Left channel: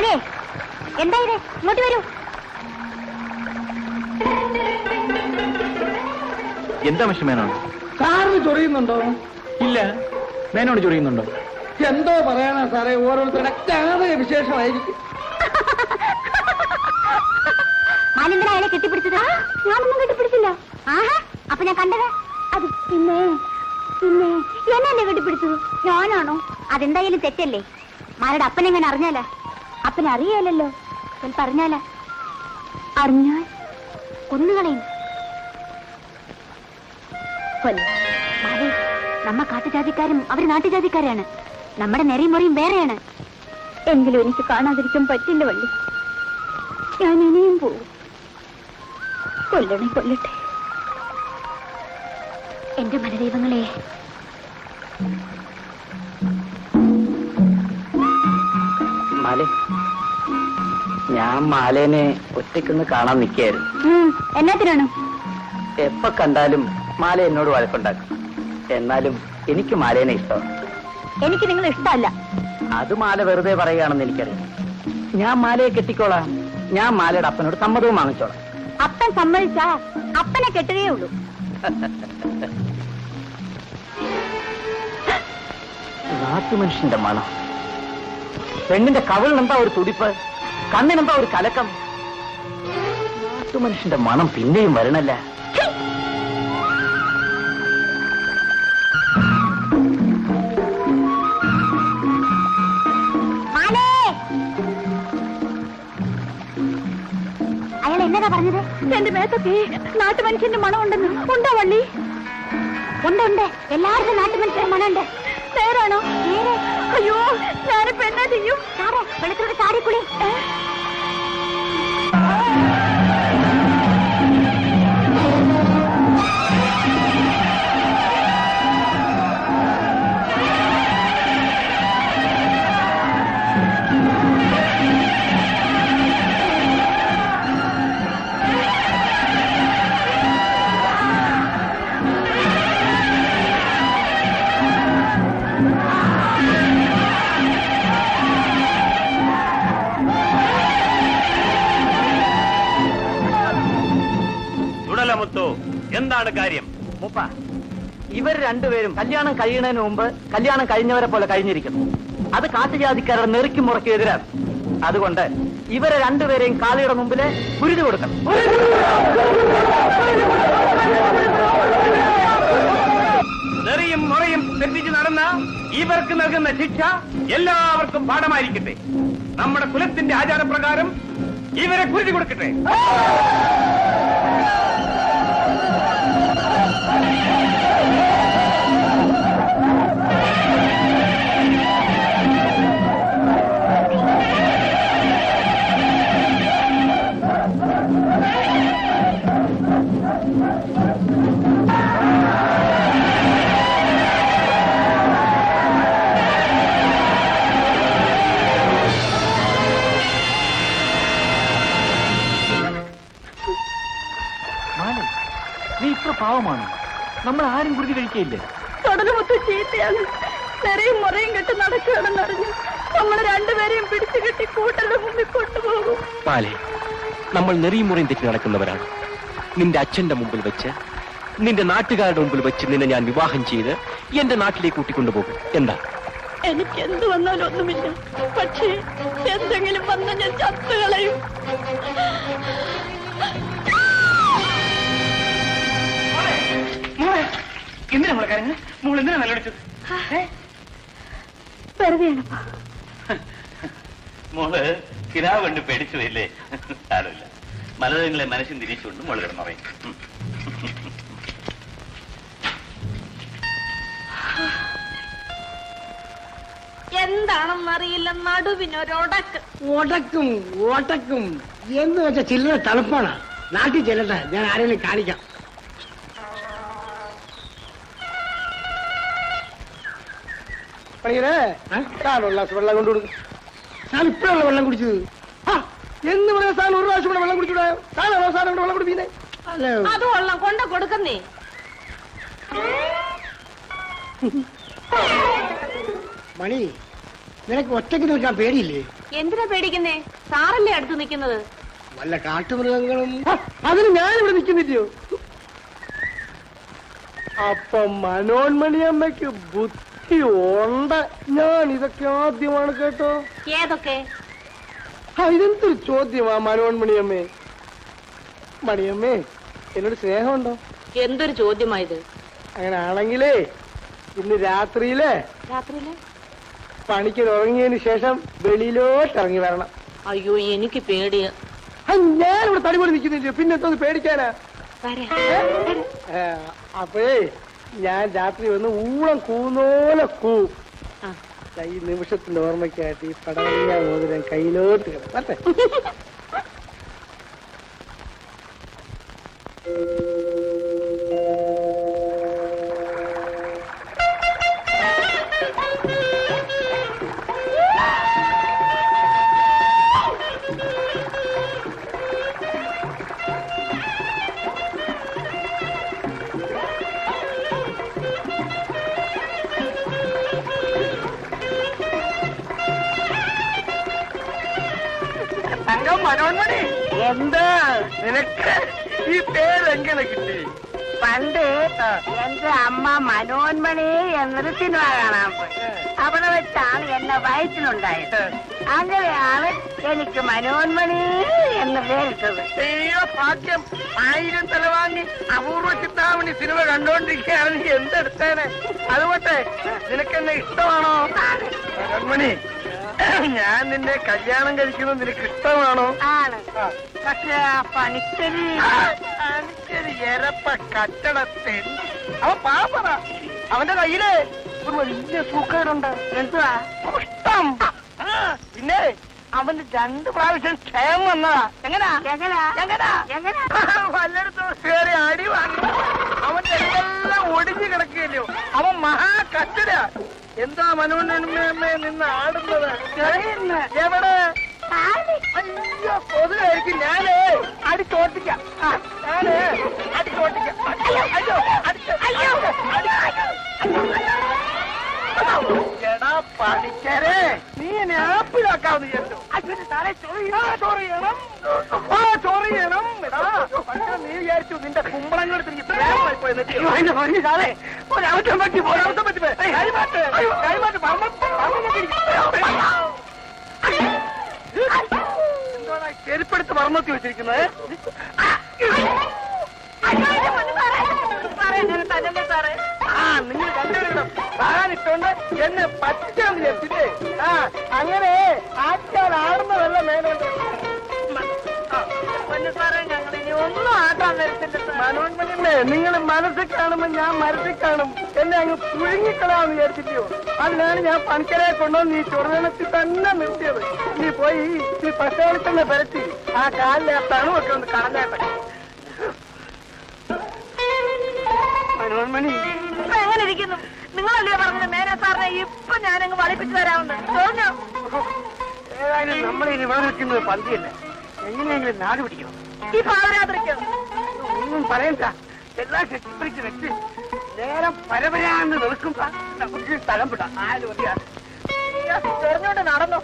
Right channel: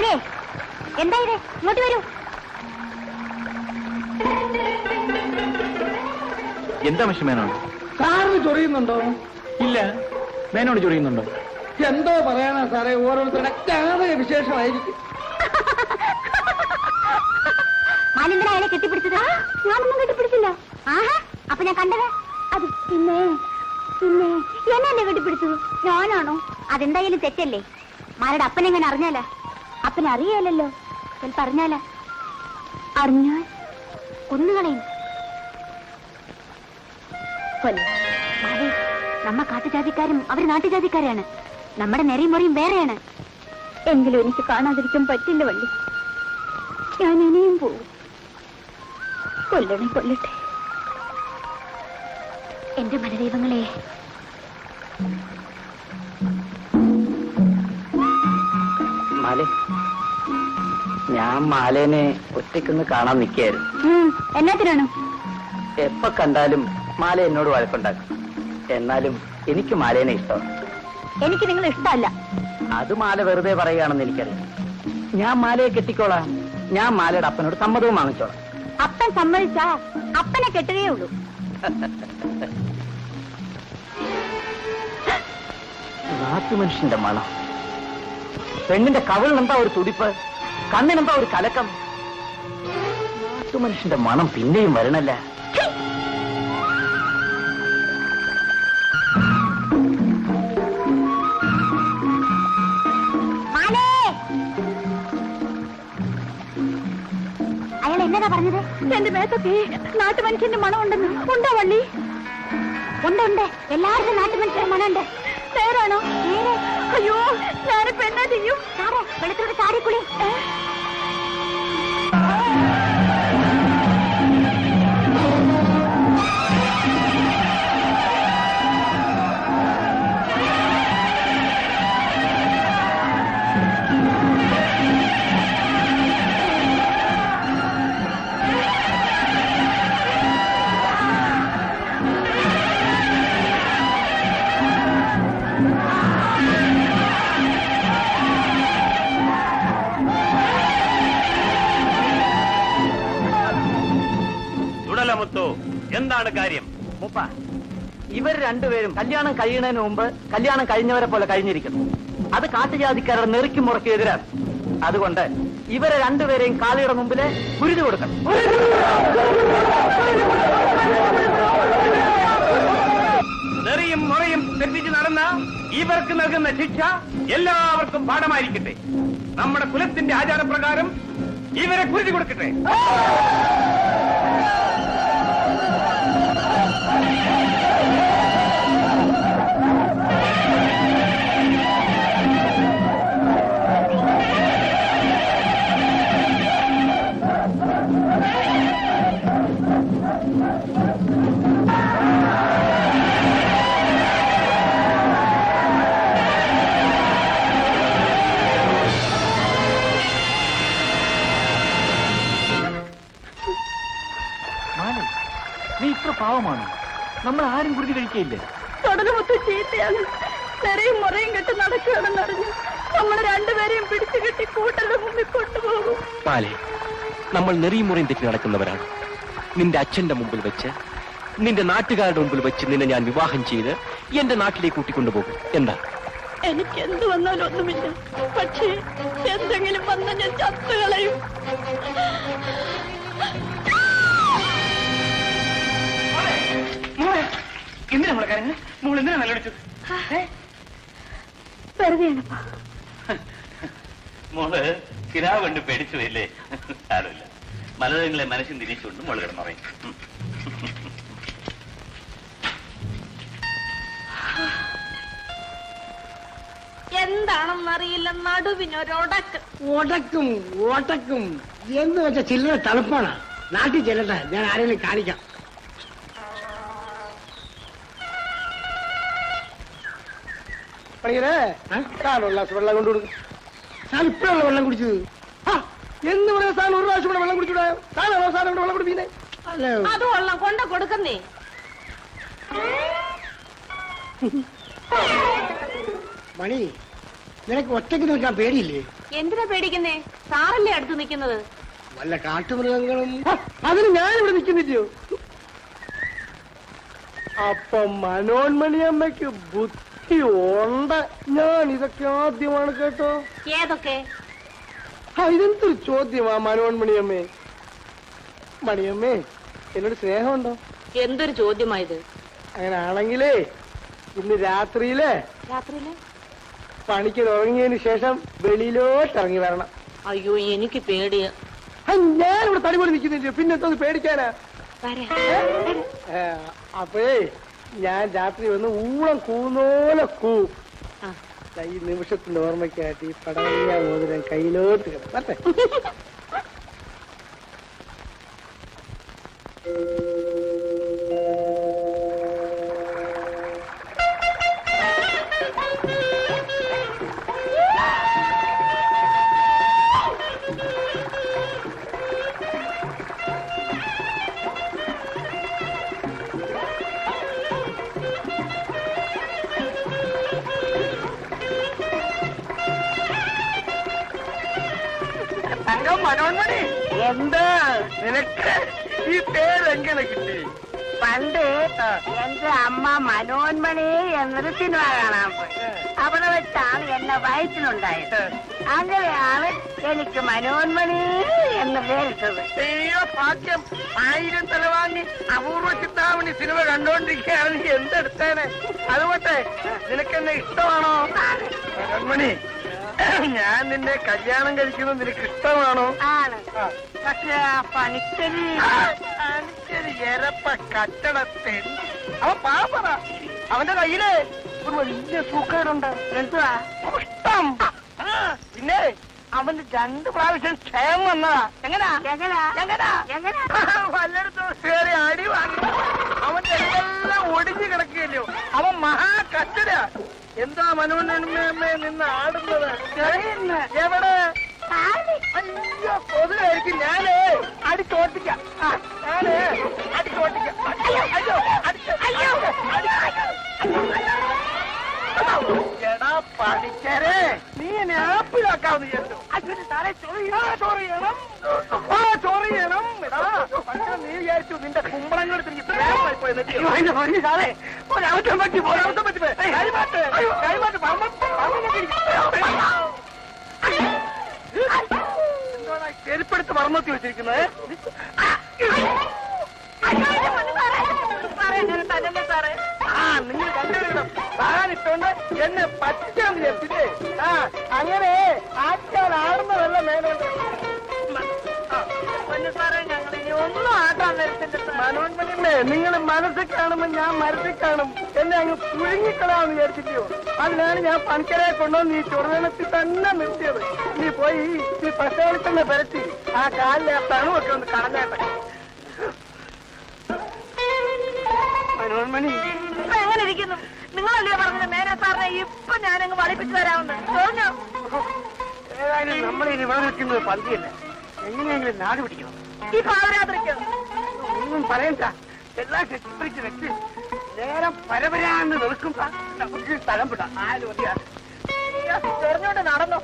മാലേ, എന്താ ഇത്? ഇങ്ങോട്ട് വരൂ. എന്താ പക്ഷെ മേനോട്? സാറിന് ചൊറിയുന്നുണ്ടോ? ഇല്ല. മേനോട് ചൊറിയുന്നുണ്ടോ? എന്തോ പറയാനാ സാറേ, ഓരോരുത്തരൊക്കെ വിശേഷമായിരിക്കും. മാലിന്ദന അയാളെ കെട്ടിപ്പിടിച്ചത്? ഞാനൊന്നും കെട്ടിപ്പിടിച്ചില്ല. ആഹാ, അപ്പൊ ഞാൻ കണ്ടത് അത് പിന്നെ എന്നെ കെട്ടിപ്പിടിച്ചത് ഞാനാണോ? അതെന്തായാലും തെറ്റല്ലേ? മാലയുടെ അപ്പനെങ്ങനെ അറിഞ്ഞാലാ? അപ്പനെ അറിയാലല്ലോ. ചിലപ്പോ അറിഞ്ഞാൽ കൊന്നുകളയും. നമ്മ കാട്ടുജാതിക്കാരും അവര് നാട്ടുജാതിക്കാരാണ്. നമ്മുടെ നെറിയും മുറിയും വേറെയാണ്. എങ്കിലും എനിക്ക് കാണാതിരിക്കാൻ പറ്റില്ല വള്ളി. ഞാൻ ഇനിയും പോകും. കൊല്ലട്ടെ എന്റെ മനദൈവങ്ങളെ. മാലേ, ഞാൻ മാലേനെ ഒറ്റയ്ക്കൊന്ന് കാണാൻ നിൽക്കായിരുന്നു. എന്നാത്തിനാണ്? എപ്പോ കണ്ടാലും മാല എന്നോട് വഴക്കുണ്ടാക്കും. എന്നാലും എനിക്ക് മാലേനെ ഇഷ്ടമാണ്. എനിക്ക് നിങ്ങളെ ഇഷ്ടമല്ല. അത് മാല വെറുതെ പറയുകയാണെന്ന് എനിക്കറിയാം. ഞാൻ മാലയെ കെട്ടിക്കോളാം. ഞാൻ മാലയുടെ അപ്പനോട് സമ്മതവും വാങ്ങിച്ചോളാം. അപ്പൻ സമ്മതിച്ചാ അപ്പനെ കെട്ടുകയേ ഉള്ളൂ. നാട്ടുമനുഷ്യന്റെ മണം. പെണ്ണിന്റെ കവിളിനെന്താ ഒരു തുടിപ്പ്, കണ്ണിനെന്താ ഒരു കലക്കം. നാട്ടുമനുഷ്യന്റെ മണം പിന്നെയും വരണല്ല. അയാൾ എന്താ പറഞ്ഞത്? എന്റെ മേത്തൊക്കെ നാട്ടുമനുഷ്യന്റെ മണം ഉണ്ടെന്ന്. ഉണ്ടോ വള്ളി? ഉണ്ട്. എല്ലാവരുടെ നാട്ടുമനുഷ്യന്റെ മണമുണ്ട്. നേരാണോ? നേരെ. അയ്യോ, ഞാനിപ്പോ എന്നാ ചെയ്യും? വെള്ളത്തിലൂടെ ചാടിക്കുളി. എന്താണ് കാര്യം? ഉപ്പ, ഇവർ രണ്ടുപേരും കല്യാണം കഴിയുന്നതിന് മുമ്പ് കല്യാണം കഴിഞ്ഞവരെ പോലെ കഴിഞ്ഞിരിക്കുന്നു. അത് കാട്ടുജാതിക്കാരുടെ നെറുക്കി മുറക്കി എതിരാണ്. അതുകൊണ്ട് ഇവരെ രണ്ടുപേരെയും കാളിയുടെ മുമ്പില് കുരുതി കൊടുക്കണം. നെറിയും മുറയും തെറ്റിച്ച് നടന്ന ഇവർക്ക് നൽകുന്ന ശിക്ഷ എല്ലാവർക്കും പാഠമായിരിക്കട്ടെ. നമ്മുടെ കുലത്തിന്റെ ആചാരപ്രകാരം ഇവരെ കുരുതി കൊടുക്കട്ടെ. നീ ഇത്ര പാവമാണ്. നമ്മൾ ആരും കുരുതി കഴിക്കയില്ലേ? തുടരുമൊത്ത ചീത്തയാണ്. ചെറിയും മുറയും കെട്ട് നടക്കുകയാണെന്നറിഞ്ഞു നമ്മൾ രണ്ടുപേരെയും പിടിച്ചു കെട്ടി കൂട്ടരുടെ മുമ്പിൽ കൊണ്ടുപോകും. മാലേ, നമ്മൾ നെറിയും മുറയും തെറ്റി നടക്കുന്നവരാണ്. നിന്റെ അച്ഛന്റെ മുമ്പിൽ വെച്ച്, നിന്റെ നാട്ടുകാരുടെ മുമ്പിൽ വെച്ച് നിന്നെ ഞാൻ വിവാഹം ചെയ്ത് എന്റെ നാട്ടിലേക്ക് കൂട്ടിക്കൊണ്ടുപോകും. എന്താ? എനിക്ക് എന്ത് വന്നാലും ഒന്നുമില്ല. പക്ഷേ എന്തെങ്കിലും വന്ന് ഞാൻ ചത്തുകളയും. എന്തിനാ നമ്മളെ കാര്യങ്ങൾ? നമ്മൾ എന്തിനാ നല്ലടിച്ചത്? വെറുതെയാണപ്പാ. മോള് ചിരാവ് കണ്ട് പേടിച്ചതല്ലേ? സാരമില്ല. മലതങ്ങളെ മനസ്സിൽ തിരിച്ചുകൊണ്ട് മോള് കിടന്നറിയും. എന്താണെന്നറിയില്ല, നടുവിനൊരൊടക്കും. ഓട്ടക്കും എന്ന് വെച്ച ചില്ലറ തണുപ്പാണ്. നാട്ടിൽ ചെല്ലട്ടെ, ഞാൻ ആരെങ്കിലും കാണിക്കാം. വെള്ളം കൊണ്ടുകൊടുക്കും. ഞാൻ ഇപ്പോഴാണ് വെള്ളം കുടിച്ചത്. എന്ന് പറയാൻ സാധനം ഒരു പ്രാവശ്യം കൂടെ വെള്ളം കുടിച്ചൂടെ? സാധനം വെള്ളം കുടിപ്പിക്കുന്നേ. അത് വെള്ളം കൊണ്ട കൊടുക്കുന്നേ. മണി, നിനക്ക് ഒറ്റയ്ക്ക് നിൽക്കാൻ പേടിയില്ലേ? എന്തിനാ പേടിക്കുന്നേ? സാറല്ലേ അടുത്ത് നിൽക്കുന്നത്? വല്ല കാട്ടുമൃഗങ്ങളും അതിന് ഞാനിവിടെ നിൽക്കുന്നില്ലയോ? അപ്പൊ മനോന്മണിയമ്മയ്ക്ക് ബുദ്ധി ഉണ്ട്. ഞാൻ ഇതൊക്കെ ആദ്യമാണ് കേട്ടോ. ഏതൊക്കെ? ഇതെന്തൊരു ചോദ്യമാ മനോന്മണിയമ്മേ. മണിയമ്മേ, എന്നോട് സ്നേഹമുണ്ടോ? എന്തൊരു ചോദ്യമായത്? അങ്ങനെയാണെങ്കിലേ ഇന്ന് രാത്രിയില് രാത്രിയില് പണിക്ക് ഉറങ്ങിയതിന് ശേഷം വെളിയിലോട്ട് ഇറങ്ങി വരണം. അയ്യോ, എനിക്ക് പേടിയ. ഞാനിവിടെ തടിപൊളി നിൽക്കുന്നില്ല, പിന്നെ എന്തോ പേടിക്കാനാ? അപ്പേ ഞാൻ രാത്രി വന്ന് ഊളം കൂന്നോലെ കൈ നിമിഷത്തിന്റെ ഓർമ്മയ്ക്കായിട്ട് ഈ പടവലിയ മോതിരം കയ്യിലോട്ട് കിടന്നേ. എന്താ നിനക്ക് ഈ പേരെങ്ങനെ കിട്ടി? പണ്ട് എന്റെ അമ്മ മനോന്മണി എന്നൊരു സിനിമ കാണാൻ പോയി. അവിടെ വെച്ചാണ് എന്നെ വയറ്റിലുണ്ടായത്. അങ്ങനെയാണ് എനിക്ക് മനോന്മണി എന്ന് പേരിട്ടത്. അയ്യോ ഭാഗ്യം, 1000 തലവാങ്ങി അപൂർവ ചിത്താമണി സിനിമ കണ്ടോണ്ടിരിക്കുകയാണ്. എന്തെടുത്തേനെ? അതുകൊണ്ട് നിനക്കെന്നെ ഇഷ്ടമാണോ? മനോന്മണി, ഞാൻ നിന്നെ കല്യാണം കഴിക്കുന്നത് നിനക്ക് ഇഷ്ടമാണോ? ആണ്. പക്ഷെ ആ പണിക്കരി എരപ്പ കട്ടടത്തിൽ അവൻ പാപ്പതാ. അവന്റെ കയ്യില് ഒരു വലിയ സൂക്കേടുണ്ട്. എന്തുവാ? ഇഷ്ടം. പിന്നെ അവന് 2 പ്രാവശ്യം ക്ഷയം വന്നാ. എങ്ങനാ വല്ലയിടത്തും കയറി അടി വാങ്ങി അവന്റെ എല്ലാം ഒടിഞ്ഞു കിടക്കില്ലയോ? അവൻ മഹാ കച്ചട. എന്താ മനോന്മണിയമ്മയെ നിന്ന് ആടുന്നത്? എവിടെ? അയ്യോ, പൊതുവായിരിക്കും. ഞാനേ അടിച്ചോട്ടിക്കാം. ഞാനേ അടിച്ചോട്ടിക്കാം. എടാ പഠിക്കരേ, നീ എന്നെ ആപ്പിലാക്കാന്ന് വിചാരിച്ചു. ചൊറിയണം. നീ വിചാരിച്ചു നിന്റെ കുമ്പളങ്ങൾ ഒരാവശ്യം പറ്റി ചെരുപ്പെടുത്ത് മറന്നോക്കി വെച്ചിരിക്കുന്നത്. നിങ്ങൾ കണ്ടുപിടിക്കണം. സാധാരണ എന്നെ പറ്റിച്ചാന്ന് വിചാരിച്ചില്ലേ? അങ്ങനെ ആറ്റാൽ ആടുന്ന വല്ല മേനോണ്ട് മനോന്മണിയമ്മേ, നിങ്ങൾ മനസ്സിൽ കാണുമ്പോ ഞാൻ മനസ്സിൽ കാണും. എന്നെ അങ്ങ് പുഴുങ്ങിക്കളാന്ന് വിചാരിച്ചില്ലയോ? അതിനാണ് ഞാൻ പണിക്കരെ കൊണ്ടുവന്ന് ഈ ചൊറുവനത്തിൽ തന്നെ നിർത്തിയത്. നീ പോയി ഈ പ്രസേരത്തിൽ തന്നെ പരത്തി ആ കാലിനകത്താണ് ഒക്കെ ഒന്ന് കളഞ്ഞേട്ടെ. മനോന്മണി എങ്ങനെ ഇരിക്കുന്നു? നിങ്ങളല്ലേ പറഞ്ഞത് മേനെ സാറിനെ ഇപ്പൊ ഞാനങ്ങ് വലിപ്പിച്ചു തരാമെന്ന് തോന്നിയോ? ഏതായാലും നമ്മളിനി ഇവിടെ നിൽക്കുന്നത് പന്തിയല്ലേ, എങ്ങനെയെങ്കിലും നാട് പിടിക്കണം. ഈ പാവരാത്രിക്കോ? ഒന്നും പറയണ്ട. എല്ലാം ചിത്രിച്ച് വെച്ച് നേരം പരപരാന്ന് വെളുക്കും. സ്ഥലം വിട്ടാ 4 മതിയാണ്. പറഞ്ഞോണ്ട് നടന്നു.